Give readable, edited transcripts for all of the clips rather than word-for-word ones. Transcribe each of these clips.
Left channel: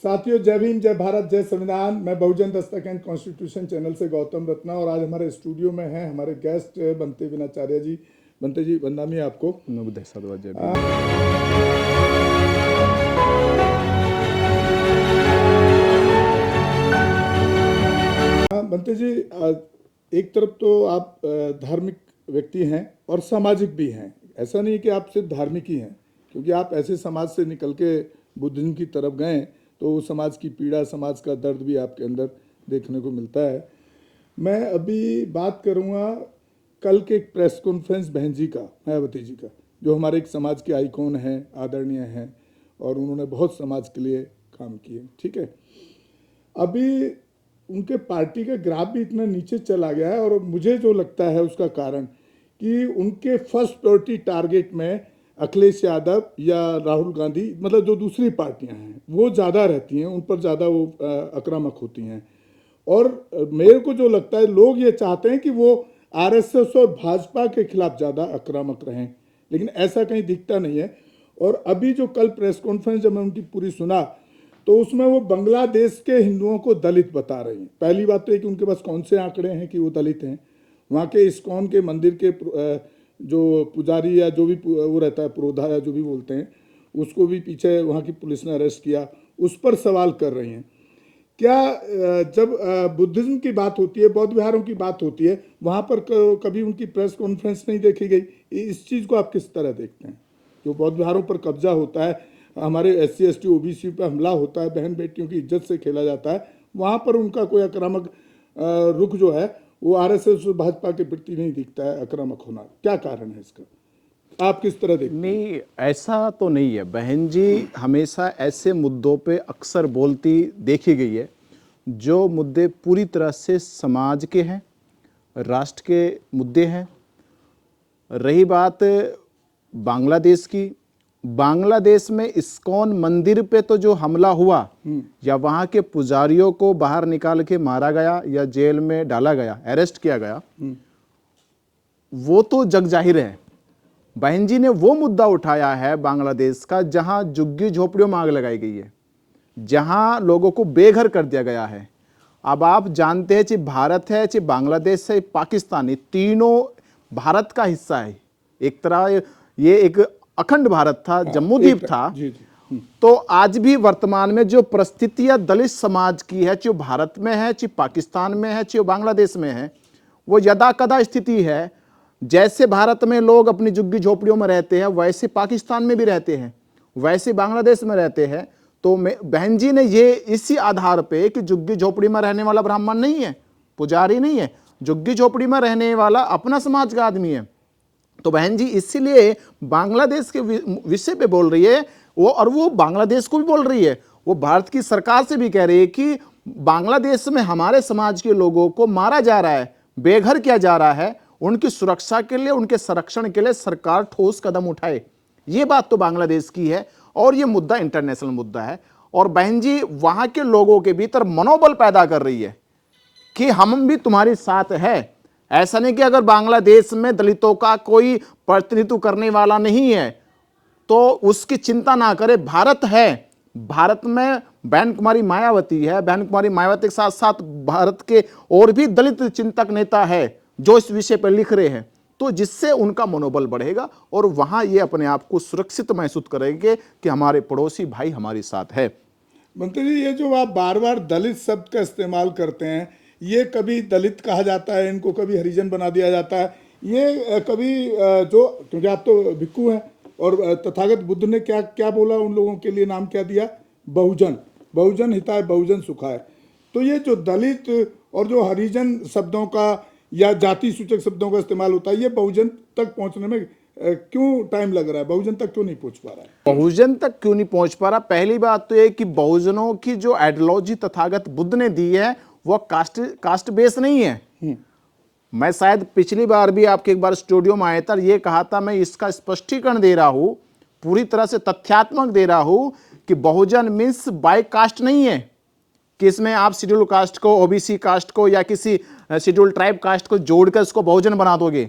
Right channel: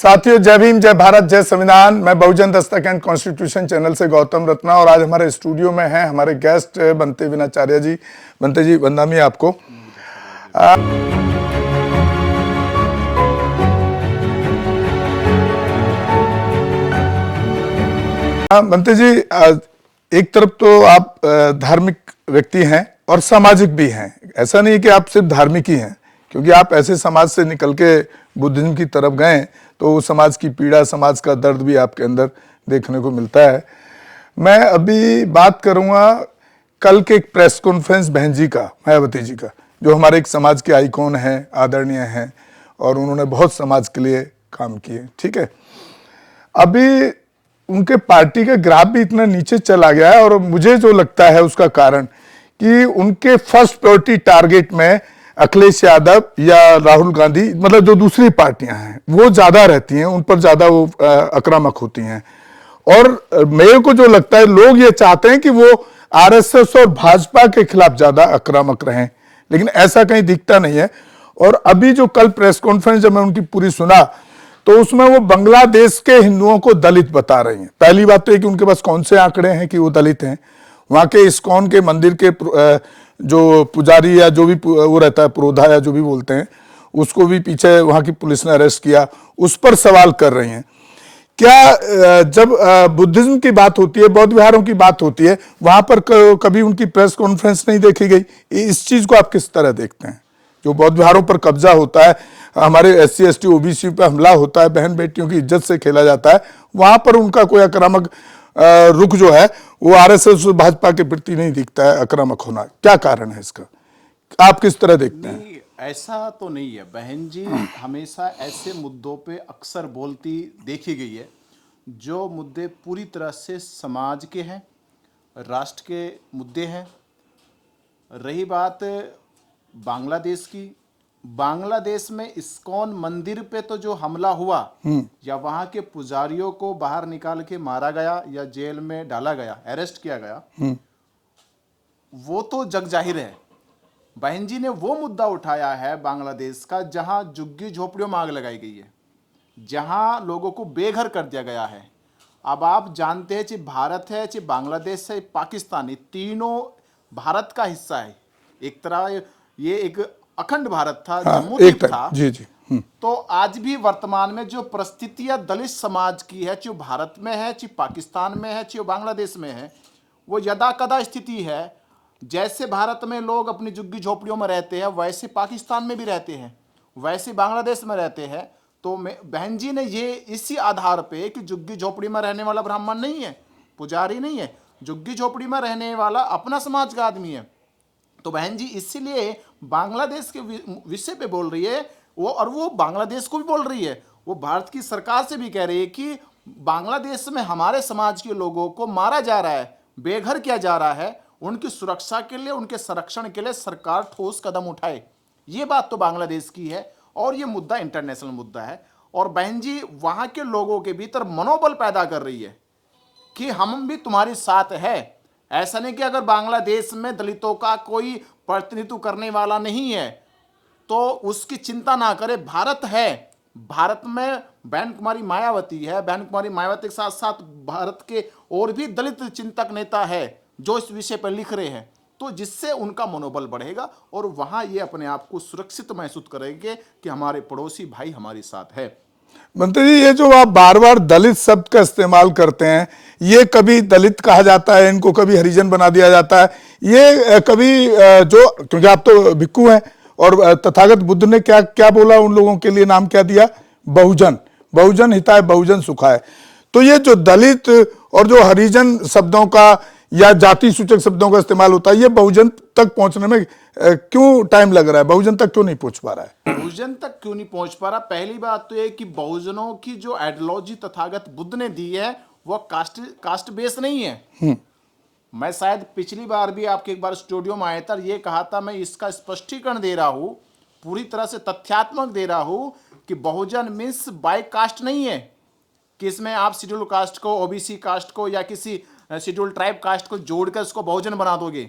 साथियों, जय भीम, जय भारत, जय संविधान। मैं बहुजन दस्तक एंड कॉन्स्टिट्यूशन चैनल से गौतम रत्ना और आज हमारे स्टूडियो में हैं हमारे गेस्ट बनते विनाचार्य जी। बनते जी, वंदनामी आपको। बनते जी, एक तरफ तो आप धार्मिक व्यक्ति हैं और सामाजिक भी हैं। ऐसा नहीं है कि आप सिर्फ धार्मिक ही हैं, क्योंकि आप ऐसे समाज से निकल के बुद्धिज्म की तरफ गए तो समाज की पीड़ा, समाज का दर्द भी आपके अंदर देखने को मिलता है। मैं अभी बात करूंगा कल के एक प्रेस कॉन्फ्रेंस बहन जी का, मायावती जी का, जो हमारे एक समाज के आइकॉन हैं, आदरणीय हैं और उन्होंने बहुत समाज के लिए काम किए। ठीक है, अभी उनके पार्टी का ग्राफ भी इतना नीचे चला गया है और मुझे जो लगता है उसका कारण कि उनके फर्स्ट प्रायोरिटी टारगेट में अखिलेश यादव या राहुल गांधी, मतलब जो दूसरी पार्टियां हैं वो ज्यादा रहती हैं, उन पर ज्यादा वो आक्रामक होती हैं। और मेरे को जो लगता है लोग ये चाहते हैं कि वो आरएसएस और भाजपा के खिलाफ ज्यादा आक्रामक रहें, लेकिन ऐसा कहीं दिखता नहीं है। और अभी जो कल प्रेस कॉन्फ्रेंस जब मैं उनकी पूरी सुना तो उसमें वो बांग्लादेश के हिंदुओं को दलित बता रही हैं। पहली बात तो ये कि उनके पास कौन से आंकड़े हैं कि वो दलित हैं। वहां के इस्कॉन के मंदिर के जो पुजारी या जो भी वो रहता है, पुरोधा या जो भी बोलते हैं, उसको भी पीछे वहां की पुलिस ने अरेस्ट किया, उस पर सवाल कर रही हैं। क्या जब बुद्धिज्म की बात होती है, बौद्ध विहारों की बात होती है, वहां पर कभी उनकी प्रेस कॉन्फ्रेंस नहीं देखी गई? इस चीज को आप किस तरह देखते हैं? जो बौद्ध विहारों पर कब्जा होता है, हमारे SC ST OBC पर हमला होता है, बहन बेटियों की इज्जत से खेला जाता है, वहां पर उनका कोई आक्रामक रुख जो है वो RSS भाजपा के प्रति नहीं दिखता है आक्रामक होना। क्या कारण है इसका, आप किस तरह देखते हैं? नहीं, ऐसा तो नहीं है। बहन जी हमेशा ऐसे मुद्दों पे अक्सर बोलती देखी गई है जो मुद्दे पूरी तरह से समाज के हैं, राष्ट्र के मुद्दे हैं। रही बात बांग्लादेश की, बांग्लादेश में इस्कॉन मंदिर पे तो जो हमला हुआ या वहां के पुजारियों को बाहर निकाल के मारा गया या जेल में डाला गया, अरेस्ट किया गया, वो तो जग जाहिर है। बहन जी ने वो मुद्दा उठाया है बांग्लादेश का जहां झुग्गी झोपड़ियों में आग लगाई गई है, जहां लोगों को बेघर कर दिया गया है। अब आप जानते हैं, चाहे भारत है, चाहे बांग्लादेश है, पाकिस्तान, ये तीनों भारत का हिस्सा है। एक तरह ये एक अखंड भारत था, जम्मू द्वीप था। जी जी। तो आज भी वर्तमान में जो परिस्थितियां दलित समाज की है, चाहे भारत में है, चाहे पाकिस्तान में है, चाहे बांग्लादेश में है, वो यदा कदा स्थिति है। जैसे भारत में लोग अपनी झुग्गी झोपड़ियों में रहते हैं, वैसे पाकिस्तान में भी रहते हैं, वैसे बांग्लादेश में रहते हैं। तो बहन जी ने ये इसी आधार पे कि झुग्गी झोपड़ी में रहने वाला ब्राह्मण नहीं है, पुजारी नहीं है, झुग्गी झोपड़ी में रहने वाला अपना समाज का आदमी है। तो बहन जी इसीलिए बांग्लादेश के विषय पे बोल रही है वो, और वो बांग्लादेश को भी बोल रही है। वो भारत की सरकार से भी कह रही है कि बांग्लादेश में हमारे समाज के लोगों को मारा जा रहा है, बेघर किया जा रहा है, उनकी सुरक्षा के लिए, उनके संरक्षण के लिए सरकार ठोस कदम उठाए। ये बात तो बांग्लादेश की है और ये मुद्दा इंटरनेशनल मुद्दा है। और बहन जी वहां के लोगों के भीतर मनोबल पैदा कर रही है कि हम भी तुम्हारे साथ है। ऐसा नहीं कि अगर बांग्लादेश में दलितों का कोई प्रतिनिधित्व करने वाला नहीं है तो उसकी चिंता ना करे, भारत है। भारत में बहन कुमारी मायावती है, बहन कुमारी मायावती के साथ साथ भारत के और भी दलित चिंतक नेता है जो इस विषय पर लिख रहे हैं, तो जिससे उनका मनोबल बढ़ेगा और वहां ये अपने आप को सुरक्षित महसूस करेंगे कि हमारे पड़ोसी भाई हमारे साथ है। मंत्री जी, ये जो आप बार बार दलित शब्द का इस्तेमाल करते हैं, ये कभी दलित कहा जाता है, इनको कभी हरिजन बना दिया जाता है, ये कभी जो, क्योंकि आप तो भिक्खु हैं और तथागत बुद्ध ने क्या क्या बोला उन लोगों के लिए, नाम क्या दिया? बहुजन। बहुजन हिताय बहुजन सुखाय। तो ये जो दलित और जो हरिजन शब्दों का या जाति सूचक शब्दों का इस्तेमाल होता है, ये बहुजन तक पहुंचने में क्यों टाइम लग रहा है? बहुजन तक क्यों नहीं पहुंच पा रहा है? बहुजन तक क्यों नहीं पहुंच पा रहा? पहली बात तो ये कि बहुजनों की जो आइडियोलॉजी तथागत बुद्ध ने दी है वो कास्ट बेस नहीं है। मैं शायद पिछली बार भी आपके एक बार स्टूडियो में आया था, ये कहा था, मैं इसका स्पष्टीकरण दे रहा हूं, पूरी तरह से तथ्यात्मक दे रहा हूं कि बहुजन मीन्स बाय कास्ट नहीं है कि इसमें आप शेड्यूल कास्ट को, OBC कास्ट को या किसी शेड्यूल ट्राइब कास्ट को जोड़कर उसको बहुजन बना दोगे।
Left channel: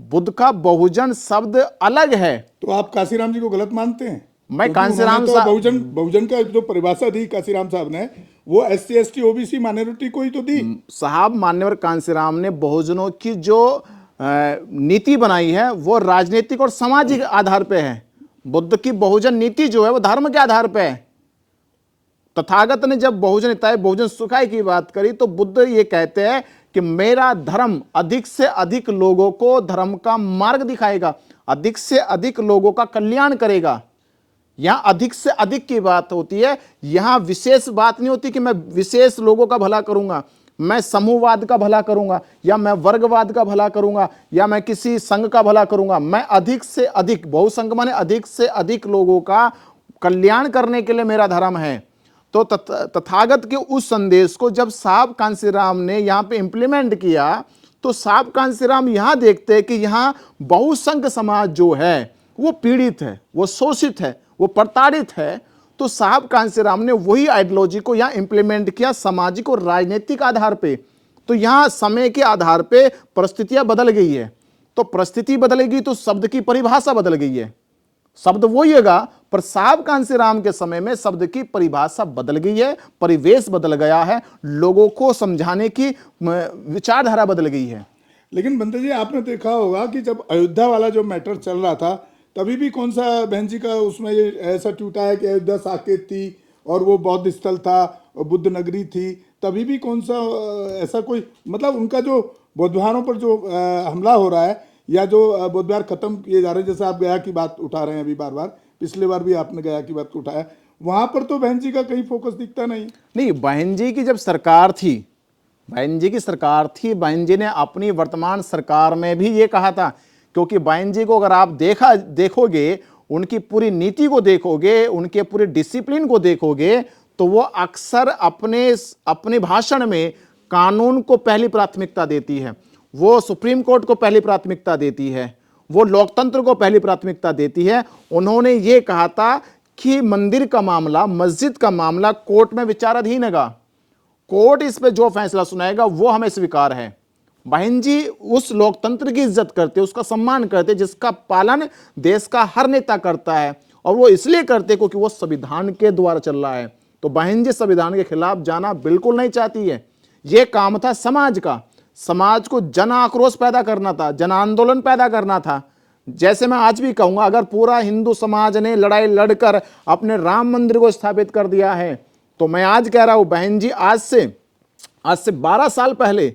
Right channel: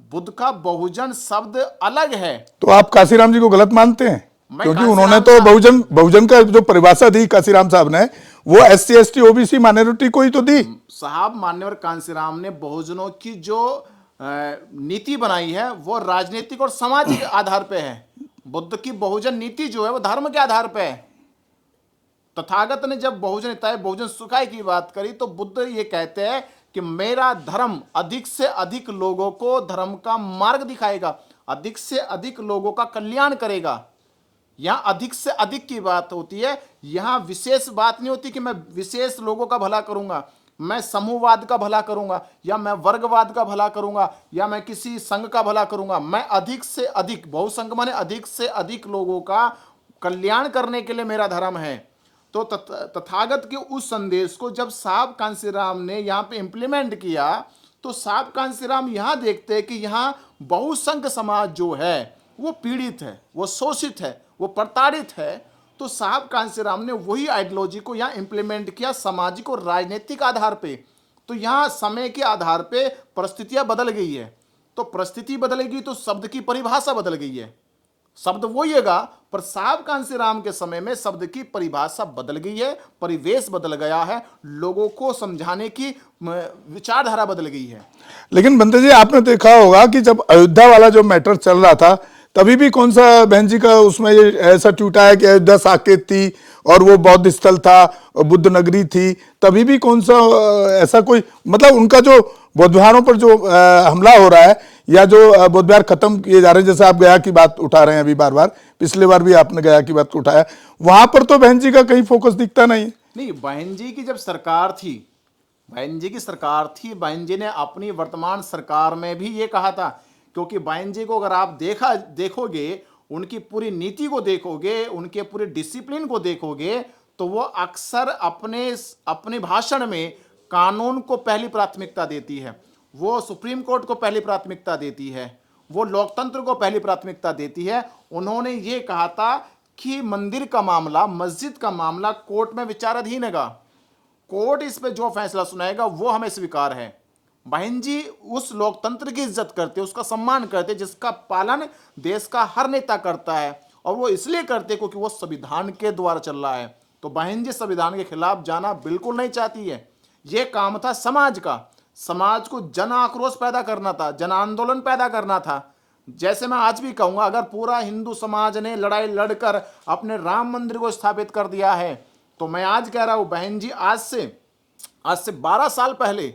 बुद्ध का बहुजन शब्द अलग है। तो आप काशीराम जी को गलत मानते हैं? मैं क्योंकि कांसीराम उन्होंने तो बहुजन का जो परिभाषा दी कांसीराम साहब ने, वो SC ST OBC माइनॉरिटी को ही तो दी साहब। मान्यवर कांसीराम ने बहुजनों की जो नीति बनाई है वो राजनीतिक और सामाजिक आधार पे है। बुद्ध की बहुजन नीति जो है वो धर्म के आधार पे है। तथागत ने जब बहुजन हिताय बहुजन सुखाय की बात करी तो बुद्ध ये कहते हैं कि मेरा धर्म अधिक से अधिक लोगों को धर्म का मार्ग दिखाएगा, अधिक से अधिक लोगों का कल्याण करेगा। यहां अधिक से अधिक की बात होती है, यहां विशेष बात नहीं होती कि मैं विशेष लोगों का भला करूंगा, मैं समूहवाद का भला करूंगा, या मैं वर्गवाद का भला करूंगा, या मैं किसी संघ का भला करूंगा। मैं अधिक से अधिक, बहुसंघ माने अधिक से अधिक लोगों का कल्याण करने के लिए मेरा धर्म है। तो तथागत के उस संदेश को जब साहब कांसीराम ने यहां पे इंप्लीमेंट किया तो साहब कांसीराम यहां देखते हैं कि यहां बहुसंघ समाज जो है वो पीड़ित है, वो शोषित है, वो प्रताड़ित है। तो साहब कांसीराम ने वही आइडियोलॉजी को यहां इंप्लीमेंट किया सामाजिक और राजनीतिक आधार पे। तो यहां समय के आधार पे परिस्थितियां बदल गई है। तो परिस्थिति बदलेगी तो शब्द की परिभाषा बदल गई है। शब्द वही होगा, पर साहब कांसीराम के समय में शब्द की परिभाषा बदल गई है, परिवेश बदल गया है, लोगों को समझाने की विचारधारा बदल गई है। लेकिन बंदे जी, आपने देखा होगा कि जब अयोध्या वाला जो मैटर चल रहा था तभी भी कौन सा बहन जी का उसमें ये ऐसा ट्वीट आया कि अयोध्या साकेत थी और वो बौद्ध स्थल था और बुद्ध नगरी थी, तभी भी कौन सा ऐसा कोई, मतलब उनका जो बौद्ध विहारों पर जो हमला हो रहा है या जो बौद्ध विहार खत्म किए जा रहे हैं, जैसे आप गया की बात उठा रहे हैं अभी बार बार, पिछले बार भी आपने गया की बात उठाया, वहां पर तो बहन जी का कहीं फोकस दिखता नहीं। बहन जी की जब सरकार थी, बहन जी की सरकार थी, बहन जी ने अपनी वर्तमान सरकार में भी ये कहा था, क्योंकि बहन जी को अगर आप देखोगे, उनकी पूरी नीति को देखोगे, उनके पूरे डिसिप्लिन को देखोगे, तो वो अक्सर अपने भाषण में कानून को पहली प्राथमिकता देती है, वो सुप्रीम कोर्ट को पहली प्राथमिकता देती है, वो लोकतंत्र को पहली प्राथमिकता देती है। उन्होंने ये कहा था कि मंदिर का मामला, मस्जिद का मामला कोर्ट में विचाराधीन है, कोर्ट इस पे जो फैसला सुनाएगा वो हमें स्वीकार है। बहन जी उस लोकतंत्र की इज्जत करते, उसका सम्मान करते जिसका पालन देश का हर नेता करता है, और वो इसलिए करते क्योंकि वो संविधान के द्वारा चल रहा है। तो बहन जी संविधान के खिलाफ जाना बिल्कुल नहीं चाहती है। ये काम था समाज का, समाज को जन आक्रोश पैदा करना था, जन आंदोलन पैदा करना था। जैसे मैं आज भी कहूंगा, अगर पूरा हिंदू समाज ने लड़ाई लड़कर अपने राम मंदिर को स्थापित कर दिया है, तो मैं आज कह रहा हूं बहन जी, आज से 12 साल पहले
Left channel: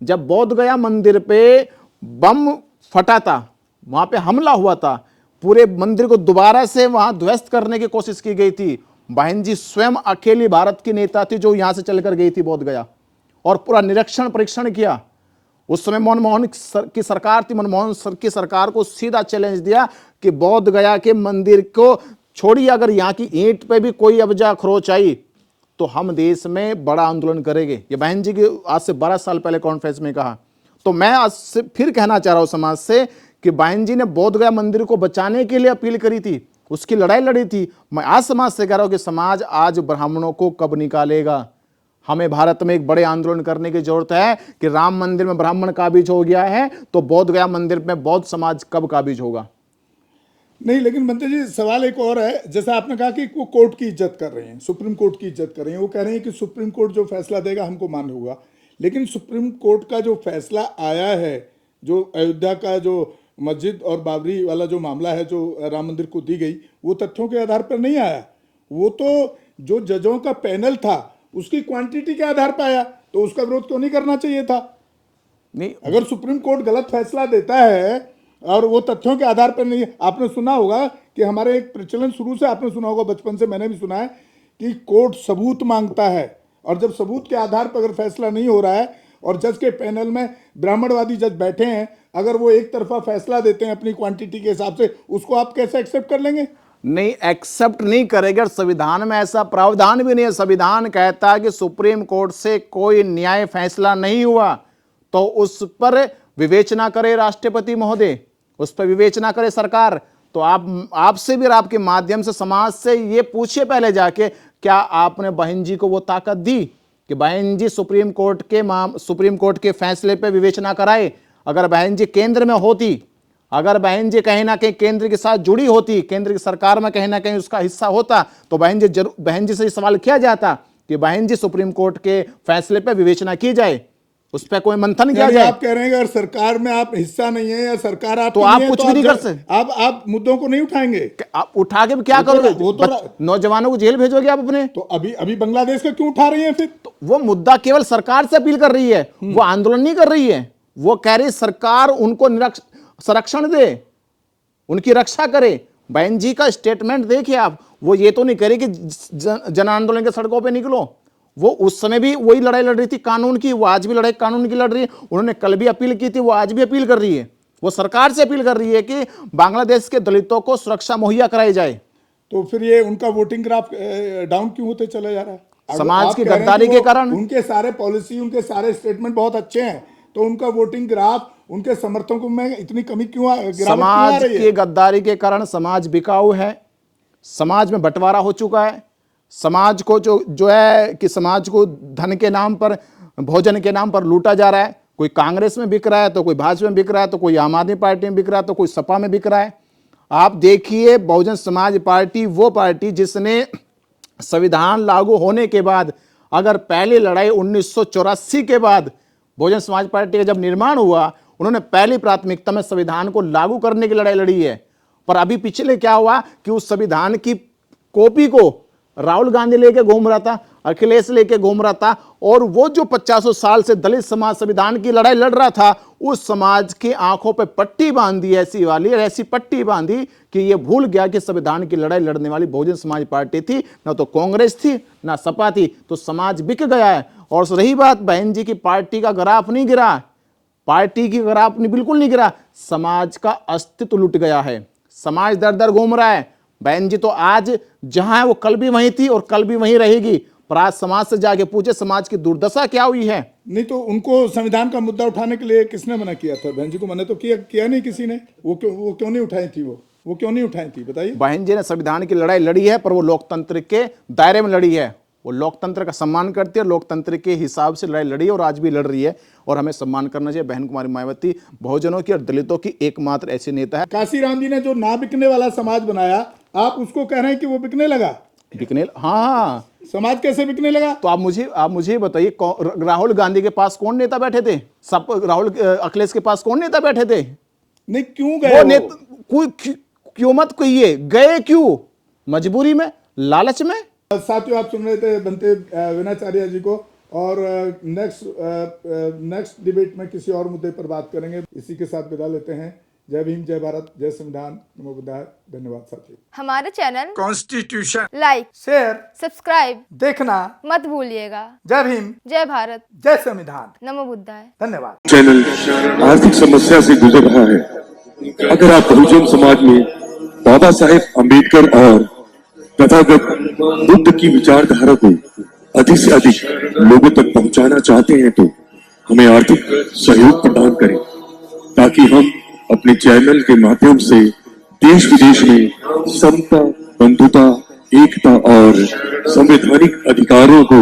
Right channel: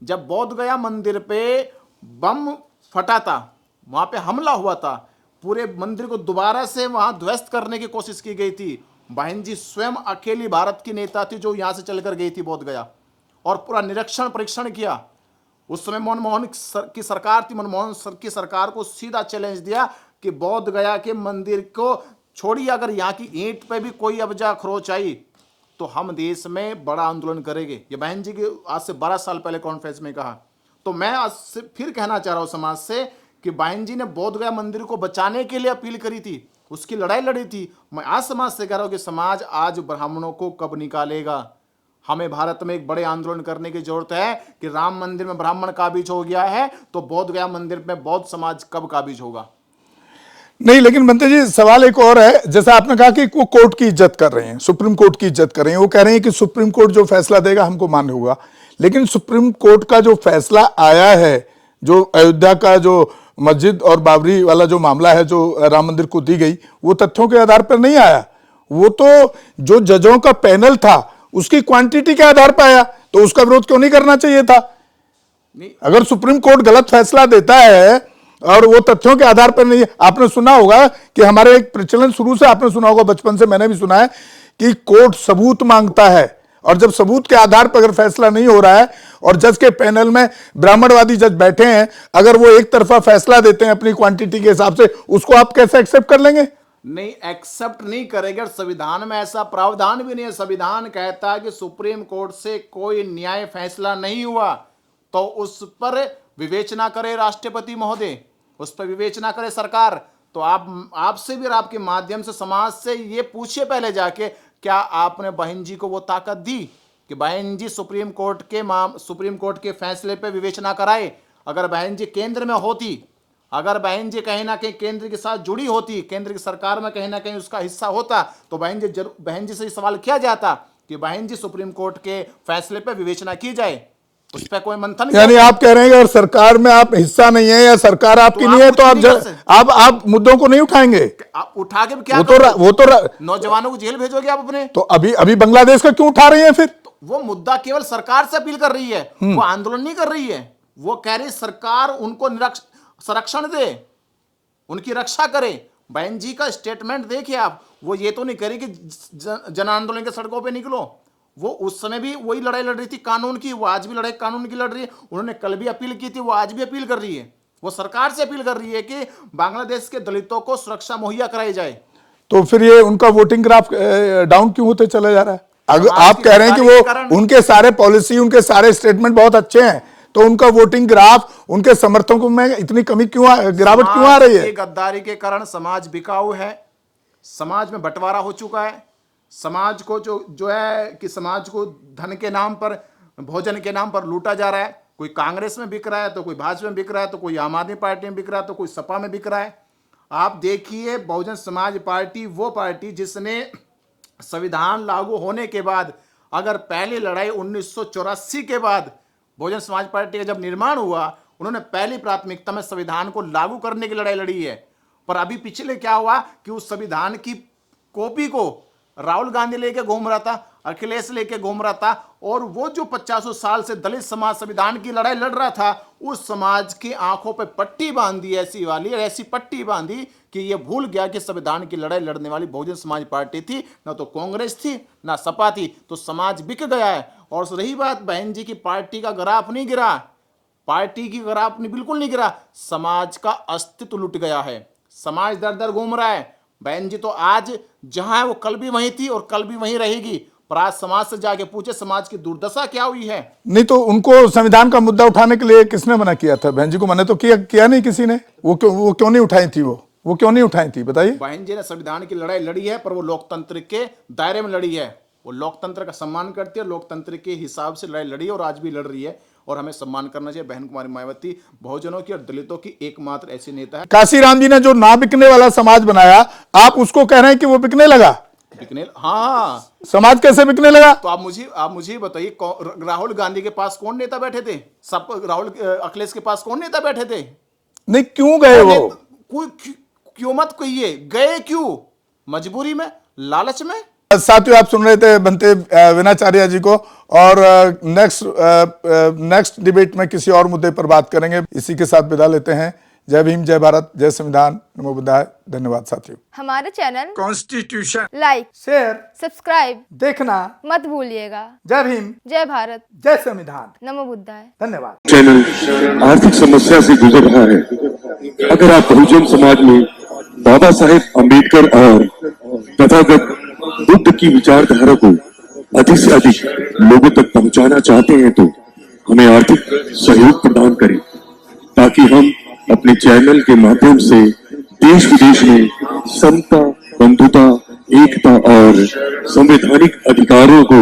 जब बोध गया मंदिर पे बम फटा था, वहां पे हमला हुआ था, पूरे मंदिर को दोबारा से वहां ध्वस्त करने की कोशिश की गई थी, बहन जी स्वयं अकेली भारत की नेता थी जो यहां से चलकर गई थी बोध गया और पूरा निरीक्षण परीक्षण किया। उस समय मनमोहन की सरकार थी, मनमोहन की सरकार को सीधा चैलेंज दिया कि बोध गया के मंदिर को छोड़िए, अगर यहाँ की ईंट पे भी कोई अब्जा खरोच आई तो हम देश में बड़ा आंदोलन करेंगे। ये बहन जी की आज से 12 साल पहले कॉन्फ्रेंस में कहा। तो मैं आज से फिर कहना चाह रहा हूं समाज से कि बहन जी ने बोध गया मंदिर को बचाने के लिए अपील करी थी, उसकी लड़ाई लड़ी थी। मैं आज समाज से कह रहा हूं कि समाज आज ब्राह्मणों को कब निकालेगा। हमें भारत में एक बड़े आंदोलन करने की जरूरत है कि राम मंदिर में ब्राह्मण काबिज हो गया है, तो बोध गया मंदिर में बौद्ध समाज कब काबिज होगा। नहीं, लेकिन बनते जी सवाल एक और है, जैसा आपने कहा कि वो कोर्ट की इज्जत कर रहे हैं, सुप्रीम कोर्ट की इज्जत कर रहे हैं, वो कह रहे हैं कि सुप्रीम कोर्ट जो फैसला देगा हमको मान्य होगा। लेकिन सुप्रीम कोर्ट का जो फैसला आया है, जो अयोध्या का जो मस्जिद और बाबरी वाला जो मामला है, जो राम मंदिर को दी गई, वो तथ्यों के आधार पर नहीं आया, वो तो जो जजों का पैनल था उसकी क्वांटिटी के आधार पर आया। तो उसका विरोध क्यों नहीं करना चाहिए था? नहीं, अगर सुप्रीम कोर्ट गलत फैसला देता है और वो तथ्यों के आधार पर नहीं, आपने सुना होगा कि हमारे एक प्रचलन शुरू से आपने सुना होगा, बचपन से मैंने भी सुना है कि कोर्ट सबूत मांगता है, और जब सबूत के आधार पर अगर फैसला नहीं हो रहा है और जज के पैनल में ब्राह्मणवादी जज बैठे हैं, अगर वो एक तरफा फैसला देते हैं अपनी क्वांटिटी के हिसाब से, उसको आप कैसे एक्सेप्ट कर लेंगे? नहीं, एक्सेप्ट नहीं करेगा। संविधान में ऐसा प्रावधान भी नहीं है। संविधान कहता है कि सुप्रीम कोर्ट से कोई न्याय फैसला नहीं हुआ तो उस पर विवेचना करे राष्ट्रपति महोदय, उस पर विवेचना करे सरकार। तो आपसे भी, आपके माध्यम से समाज से ये पूछिए पहले जाके, क्या आपने बहन जी को वो ताकत दी कि बहन जी सुप्रीम कोर्ट के फैसले पे विवेचना कराए? अगर बहन जी केंद्र में होती, अगर बहन जी कहीं ना कहीं केंद्र के साथ जुड़ी होती, केंद्र की सरकार में कहीं ना कहीं उसका हिस्सा होता, तो बहन जी से सवाल किया जाता कि बहन जी सुप्रीम कोर्ट के फैसले पर विवेचना की जाए, उस पर कोई मंथन किया यानी जाए। आप कह रहे हैं कि अगर सरकार में आप हिस्सा नहीं है या सरकार आपकी नहीं है, तो आप मुद्दों को नहीं उठाएंगे? आप उठा के भी क्या वो तो नौजवानों को जेल भेजोगे आप अपने? तो अभी बांग्लादेश का क्यों उठा रही है फिर? तो वो मुद्दा केवल सरकार से अपील कर रही है, वो आंदोलन नहीं कर रही है। वो कह रही सरकार उनको संरक्षण दे, उनकी रक्षा करे। बहन जी का स्टेटमेंट देखिए आप, वो ये तो नहीं करे कि जन आंदोलन के सड़कों पे निकलो। वो उस समय भी वही लड़ाई लड़ रही थी कानून की, वो आज भी लड़ाई कानून की लड़ रही है। उन्होंने कल भी अपील की थी, वो आज भी अपील कर रही है। वो सरकार से अपील कर रही है कि बांग्लादेश के दलितों को सुरक्षा मुहैया कराई जाए। तो फिर ये उनका वोटिंग ग्राफ डाउन क्यों होते चले जा रहा है? अगर आप कह रहे हैं कि वो उनके सारे पॉलिसी, उनके सारे स्टेटमेंट बहुत अच्छे हैं, तो उनका वोटिंग ग्राफ, उनके समर्थकों में इतनी कमी क्यों, गिरावट क्यों आ रही है? गद्दारी के कारण समाज बिकाऊ है, समाज में बंटवारा हो चुका है। समाज को जो है कि समाज को धन के नाम पर, भोजन के नाम पर लूटा जा रहा है। कोई कांग्रेस में बिक रहा है, तो कोई भाजपा में बिक रहा है, तो कोई आम आदमी पार्टी में बिक रहा है, तो कोई सपा में बिक रहा है। आप देखिए, बहुजन समाज पार्टी वो पार्टी जिसने संविधान लागू होने के बाद, अगर पहली लड़ाई 1984 के बाद बहुजन समाज पार्टी का जब निर्माण हुआ, उन्होंने पहली प्राथमिकता में संविधान को लागू करने की लड़ाई लड़ी है। पर अभी पिछले क्या हुआ कि उस संविधान की कॉपी को राहुल गांधी लेके घूम रहा था, अखिलेश लेके घूम रहा था, और वो जो 50 साल से दलित समाज संविधान की लड़ाई लड़ रहा था, उस समाज की आंखों पे पट्टी बांधी, ऐसी वाली ऐसी पट्टी बांधी कि ये भूल गया कि संविधान की लड़ाई लड़ने वाली बहुजन समाज पार्टी थी, ना तो कांग्रेस थी ना सपा थी। तो समाज बिक गया है। और रही बात बहन जी की पार्टी का ग्राफ नहीं गिरा, पार्टी की ग्राफ बिल्कुल नहीं गिरा, समाज का अस्तित्व लुट गया है। समाज दर दर घूम रहा है। बहन जी तो आज जहां है वो कल भी वहीं थी और कल भी वहीं रहेगी। पर आज समाज से जाके पूछे समाज की दुर्दशा क्या हुई है। नहीं तो उनको संविधान का मुद्दा उठाने के लिए किसने मना किया था? बहन जी को मना तो किया नहीं किसी ने। वो क्यों नहीं उठाई थी? वो क्यों नहीं उठाई थी, बताइए। बहन जी ने संविधान की लड़ाई लड़ी है, पर वो लोकतंत्र के दायरे में लड़ी है। वो लोकतंत्र का सम्मान करती है, लोकतंत्र के हिसाब से लड़ाई लड़ी है और आज भी लड़ रही है, और हमें सम्मान करना चाहिए। बहन कुमारी मायावती बहुजनों की और दलितों की एकमात्र ऐसी नेता है। काशीराम जी ने जो ना बिकने वाला समाज बनाया, आप उसको कह रहे हैं कि वो बिकने लगा। बिकने, हाँ, समाज कैसे बिकने लगा? तो आप मुझे बताइए, राहुल गांधी के पास कौन नेता बैठे थे? सब अखिलेश के पास कौन नेता बैठे थे? नहीं, क्यों गए वो? क्यों मत कहिए, गए क्यों? मजबूरी में, लालच में। साथियों, आप सुन रहे थे बनते विनाचार्य जी को, और नेक्स्ट डिबेट में किसी और मुद्दे पर बात करेंगे। इसी के साथ विदा लेते हैं। जय भीम, जय भारत, जय संविधान, नमो बुद्धाय। धन्यवाद साथियों। हमारे channel constitution like, share, subscribe देखना मत भूलिएगा। जय भीम, जय भारत, जय संविधान, नमो बुद्धाय। धन्यवाद। चैनल आर्थिक समस्या से गुजर रहा है। अगर आप बहुजन समाज में बाबा साहेब अम्बेडकर और तथागत बुद्ध की विचारधारा को अधिक से अधिक लोगों तक पहुंचाना चाहते हैं, तो हमें आर्थिक सहयोग प्रदान करें, ताकि हम अपने चैनल के माध्यम से देश विदेश में समता, बंधुता, एकता और संवैधानिक अधिकारों को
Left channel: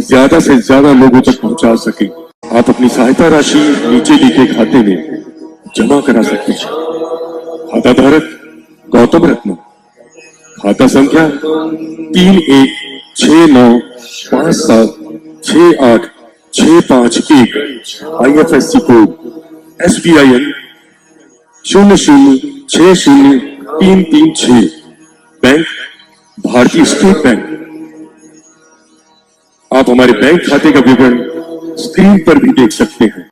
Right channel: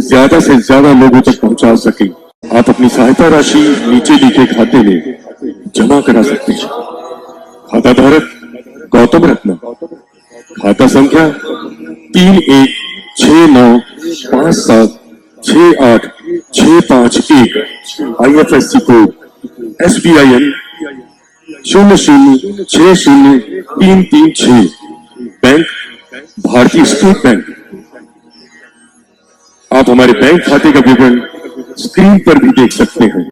ज्यादा से ज्यादा लोगों तक पहुंचा सकें। आप अपनी सहायता राशि नीचे लिखे खाते में जमा करा सकते हैं। खाता धारक गौतम रत्न, खाता संख्या 3169576865 IFSC कोड SBIN 00603336, बैंक भारतीय स्टेट बैंक। आप हमारे बैंक खाते का विवरण स्क्रीन पर भी देख सकते हैं।